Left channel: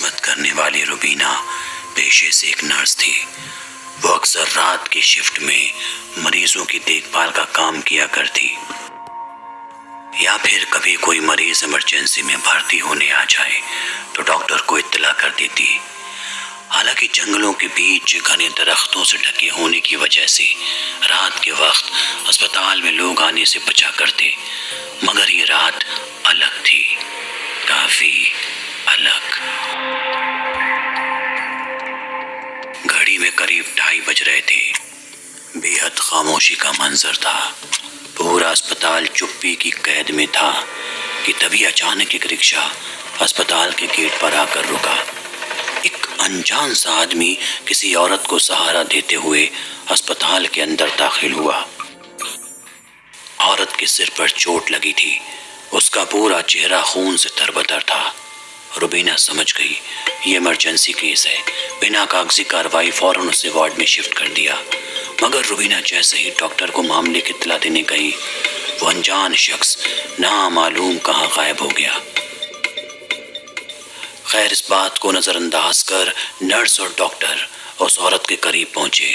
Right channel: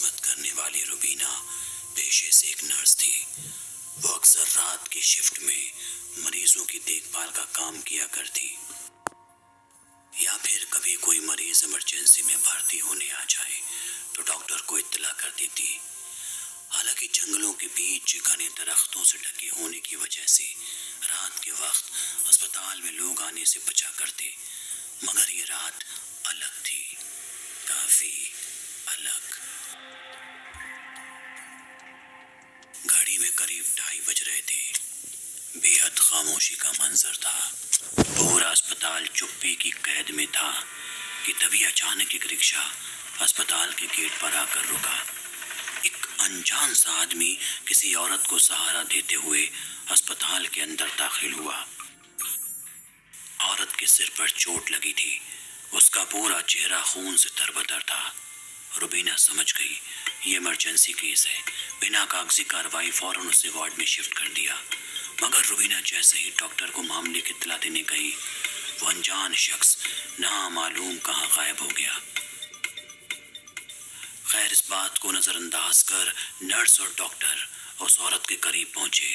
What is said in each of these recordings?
خدمت کرنے والی روبینہ پیشے سے ایک نرس تھی۔ وہ اکثر رات کی شفٹ میں مریضوں کی دیکھ بھال کا کام کیا کرتی، یا پھر کبھی کوئی مریض ایمرجنسی میں بھرتی ہونے آ جائے تو ڈاکٹر کو اطلاع کر دیتی۔ حالانکہ جنگلوں کے بیچ گھنے درختوں سے ڈھکے ہونے کی وجہ سے رات کے وقت ہسپتال میں لوگ آنے سے بچا کرتے، مگر یہ رات الگ تھی، کافی الگ۔ گھڑی میں قریب 2:30 بج رہے تھے۔ بے حد خاموشی کا منظر تھا، پورا اسپتال چپی کی قید میں تھا کہ تبھی اچانک ایک رکشہ اسپتال کے گیٹ پر آ کر رکا۔ ایک انجان سا آدمی کسی عورت کو سہارا دیتے ہوئے اسپتال کے اندر داخل ہوا۔ عورت کے سر پر چوٹ لگی تھی، اس کا پورا چہرہ خون سے تربتر تھا۔ روبینہ سمجھ گئی یہ ایمرجنسی کیس ہے، بنا کاغذی کارروائی فوراً اسے وارڈ میں شفٹ کر دیا۔ مگر روبینہ جیسے ہی ڈاکٹر کو معاملے کی اطلاع دینے گئی، وہ انجان شخص نامعلوم کہاں غائب ہو گیا۔ خیر، اس بات کو نظر انداز کر نرس اور ڈاکٹر اس عورت کے قریب پہنچے۔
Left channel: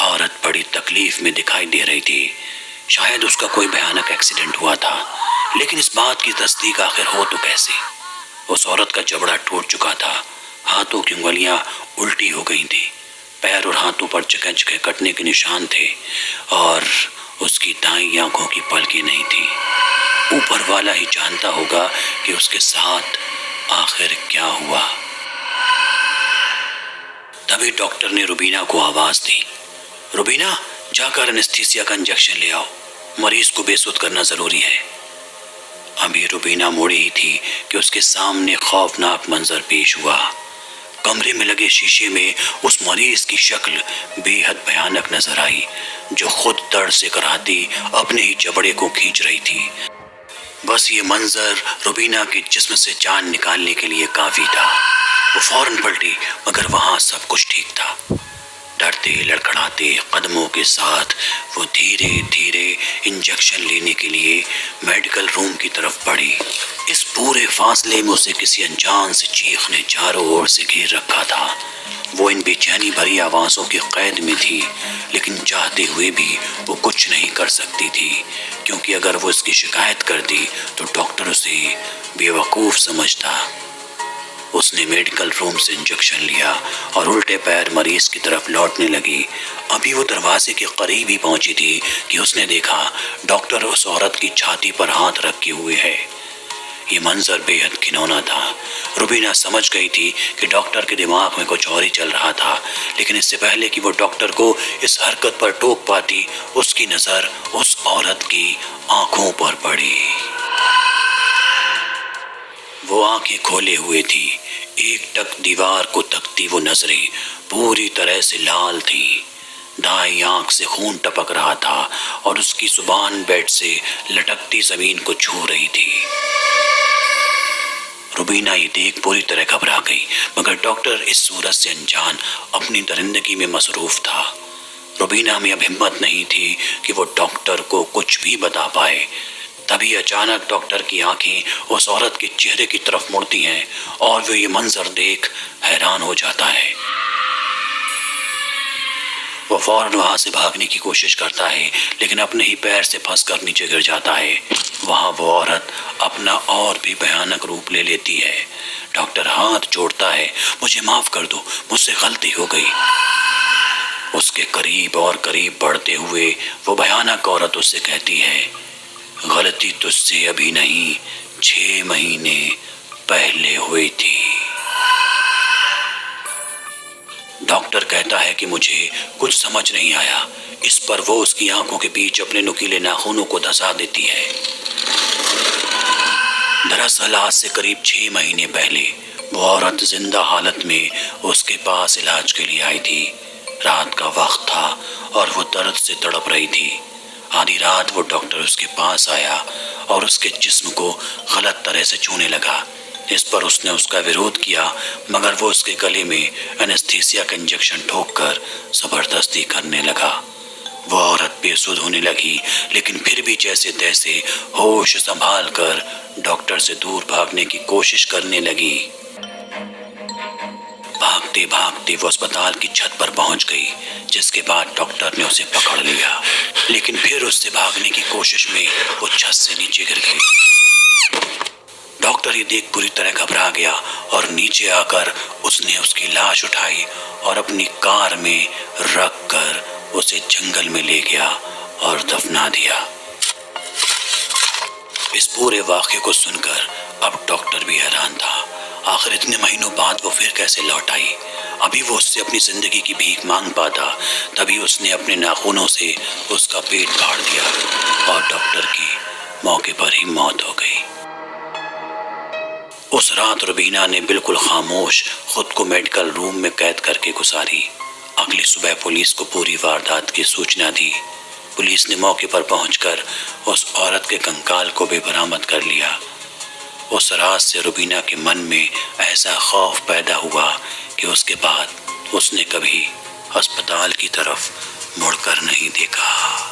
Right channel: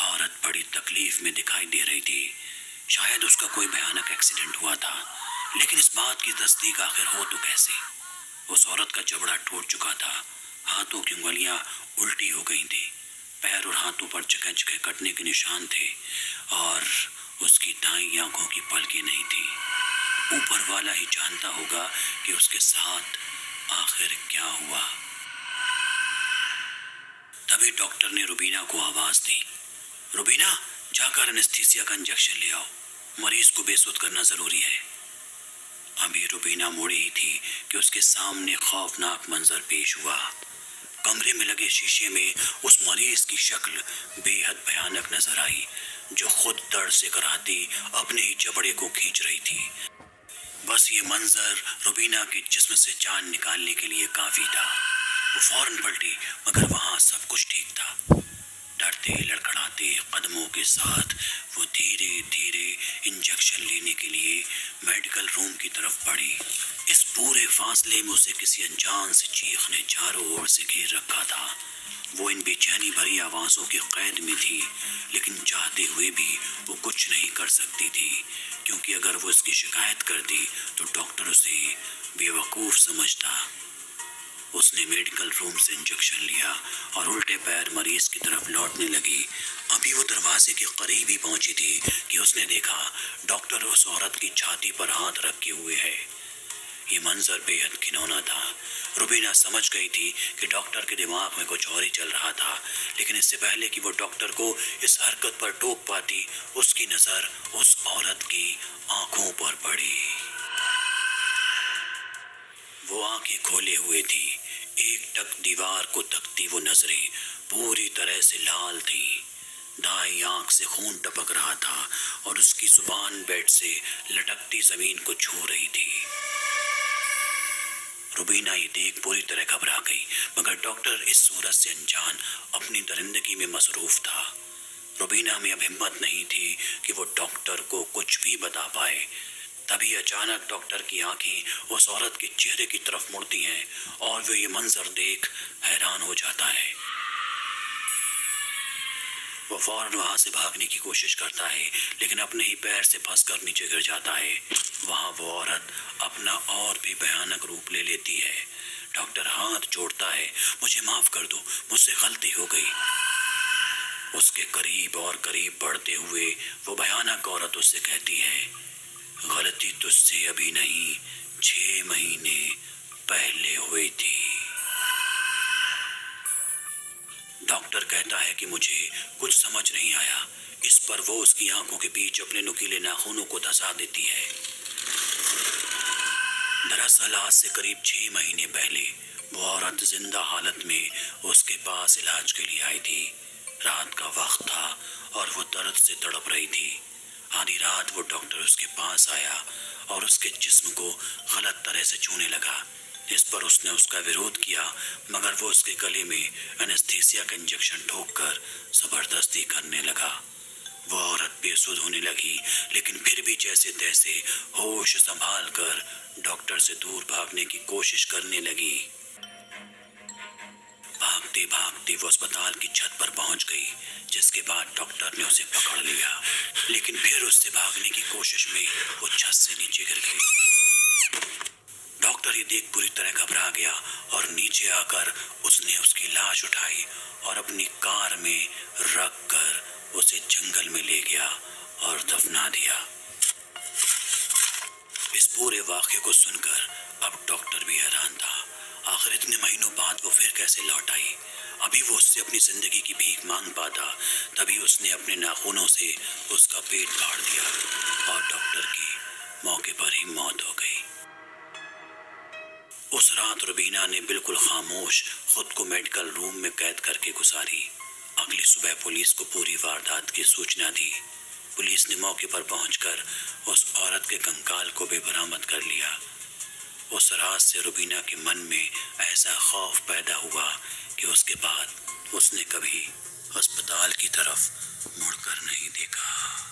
عورت بڑی تکلیف میں دکھائی دے رہی تھی، شاید اس کا کوئی بھیانک ایکسیڈنٹ ہوا تھا، لیکن اس بات کی تصدیق آخر ہو تو کیسے؟ اس عورت کا جبڑا ٹوٹ چکا تھا، ہاتھوں کی انگلیاں الٹی ہو گئی تھی، پیر اور ہاتھوں پر جگہ جگہ کٹنے کے نشان تھے، اور اس کی دائیں آنکھوں کی پلکیں نہیں تھی۔ اوپر والا ہی جانتا ہوگا کہ اس کے ساتھ آخر کیا ہوا۔ تبھی ڈاکٹر نے روبینہ کو آواز دی، روبینہ، جا کر انستھیسیا کا انجیکشن لے آؤ، مریض کو بے سود کرنا ضروری ہے۔ ابھی روبینہ مڑی ہی تھی کہ اس کے سامنے خوفناک منظر پیش ہوا۔ کمرے میں لگے شیشے میں اس مریض کی شکل بے حد بھیانک نظر آئی، جو خود درد سے کراہتی اپنے ہی جبڑے کو کھینچ رہی تھی۔ بس یہ منظر روبینہ کے جسم سے جان نکالنے کے لیے کافی تھا۔ وہ فوراً پلٹی، مگر وہاں سب کچھ ٹھیک تھا۔ ڈرتے لڑکھڑاتے قدموں کے ساتھ وہ دھیرے دھیرے انجیکشن لینے کے لیے میڈیکل روم کی طرف بڑھی۔ اس پورے فاصلے میں اسے کسی انجان سے چیخ نے چاروں اور سے گھیر رکھا تھا۔ وہ ان بے چینی بھری آوازوں کی قید میں تھی، لیکن چاہتے ہوئے بھی وہ کچھ نہیں کر سکتی تھی، کیونکہ اگر وہ اس کی شکایت کرتی تو ڈاکٹر اسے بے وقوف سمجھتا۔ اس نے میڈیکل روم سے انجیکشن لیا اور الٹے پیر مریض کی طرف لوٹنے لگی۔ ابھی وہ دروازے کے قریب ہی پہنچی تھی کہ اس نے دیکھا ڈاکٹر اس عورت کی چھاتی پر ہاتھ رکھے ہوئے ہے۔ یہ منظر بے حد گھناؤنا تھا۔ روبینہ سمجھ گئی تھی کہ ڈاکٹر کے دماغ میں کچھ اور ہی چل رہا تھا، لیکن اس سے پہلے کہ وہ ڈاکٹر کو اس حرکت پر ٹوک پاتی، اس کی نظر اس عورت کی آنکھوں پر پڑی۔ وہ آنکھیں کھولے ہوئے تھی، ایک ٹک دیوار کو تکتی وہ نظریں پوری طرح سے لال تھیں۔ دائیں آنکھ سے خون ٹپک رہا تھا اور اس کی زبان بیڈ سے لٹکتی زمین کو چھو رہی تھی۔ روبینہ یہ دیکھ پوری طرح گھبرا گئی، مگر ڈاکٹر اس صورت سے انجان اپنی درندگی میں مصروف تھا۔ روبینہ میں اب ہمت نہیں تھی کہ وہ ڈاکٹر کو کچھ بھی بتا پائے۔ تبھی اچانک ڈاکٹر کی آنکھیں اس عورت کے چہرے کی طرف مڑتی ہیں اور وہ یہ منظر دیکھ حیران ہو جاتا ہے۔ وہ فوراً وہاں سے بھاگنے کی کوشش کرتا ہے، لیکن اپنے ہی پیر سے پھنس کر نیچے گر جاتا ہے۔ وہاں وہ عورت اپنا اور بھی بھیانک روپ لے لیتی ہے۔ ڈاکٹر ہاتھ جوڑتا ہے، مجھے معاف کر دو، مجھ سے غلطی ہو گئی۔ اس کے قریب اور قریب بڑھتے ہوئے وہ بھیانک عورت اس سے کہتی ہے، غلطی تجھ سے ابھی نہیں، 6 مہینے پہلے ہوئی تھی۔ ڈاکٹر کہتا ہے کہ مجھے کچھ سمجھ نہیں آیا۔ اس پر وہ اس کی آنکھوں کے بیچ اپنے نکیلے ناخنوں کو دھسا دیتی ہے۔ دراصل آج سے قریب 6 مہینے پہلے وہ عورت زندہ حالت میں اس کے پاس علاج کے لیے آئی تھی۔ رات کا وقت تھا اور وہ درد سے تڑپ رہی تھی۔ آدھی رات وہ ڈاکٹر اس کے پاس آیا اور اس کے جسم کو غلط طرح سے چھونے لگا۔ اس پر اس نے اس کا ویرودھ کیا، مگر وہ اس کے گلے میں انستھیسیا کا انجیکشن ٹھوک کر زبردستی کرنے لگا۔ وہ عورت بے سدھ ہونے لگی، لیکن پھر بھی جیسے تیسے ہوش سنبھال کر ڈاکٹر سے دور بھاگنے کی کوشش کرنے لگی۔ بھاگتے بھاگتے وہ اسپتال کی چھت پر پہنچ گئی، جس کے بعد ڈاکٹر نے اسے پکڑ لیا، لیکن پھر اس سے بھاگنے کی کوشش میں وہ چھت سے نیچے گر گئی۔ ڈاکٹر یہ دیکھ پوری طرح گھبرا گیا اور نیچے آ کر اس نے اس کی لاش اٹھائی اور اپنی کار میں رکھ کر اسے جنگل میں لے گیا اور دفنا دیا۔ اس پورے واقعے کو سن کر اب ڈاکٹر بھی حیران تھا، آخر اتنے مہینوں بعد وہ پھر کیسے لوٹ آئی؟ ابھی وہ اس سے اپنی زندگی کی بھیک مانگ پاتا، تبھی اس نے اپنے ناخنوں سے اس کا پیٹ پھاڑ دیا اور ڈاکٹر کی موقع پر ہی موت ہو گئی۔ اس رات روبینہ نے بالکل خاموش خود کو میڈیکل روم میں قید کر کے گزاری۔ اگلی صبح پولیس کو پوری واردات کی سوچنا دی۔ پولیس نے موقع پر پہنچ کر اس عورت کے کنکال کو بھی برآمد کر لیا۔ اس رات سے روبینہ کے من میں ایسا خوف پیدا ہوا کہ اس کے بعد اس نے کبھی ہسپتال کی طرف مڑ کر نہیں دیکھا۔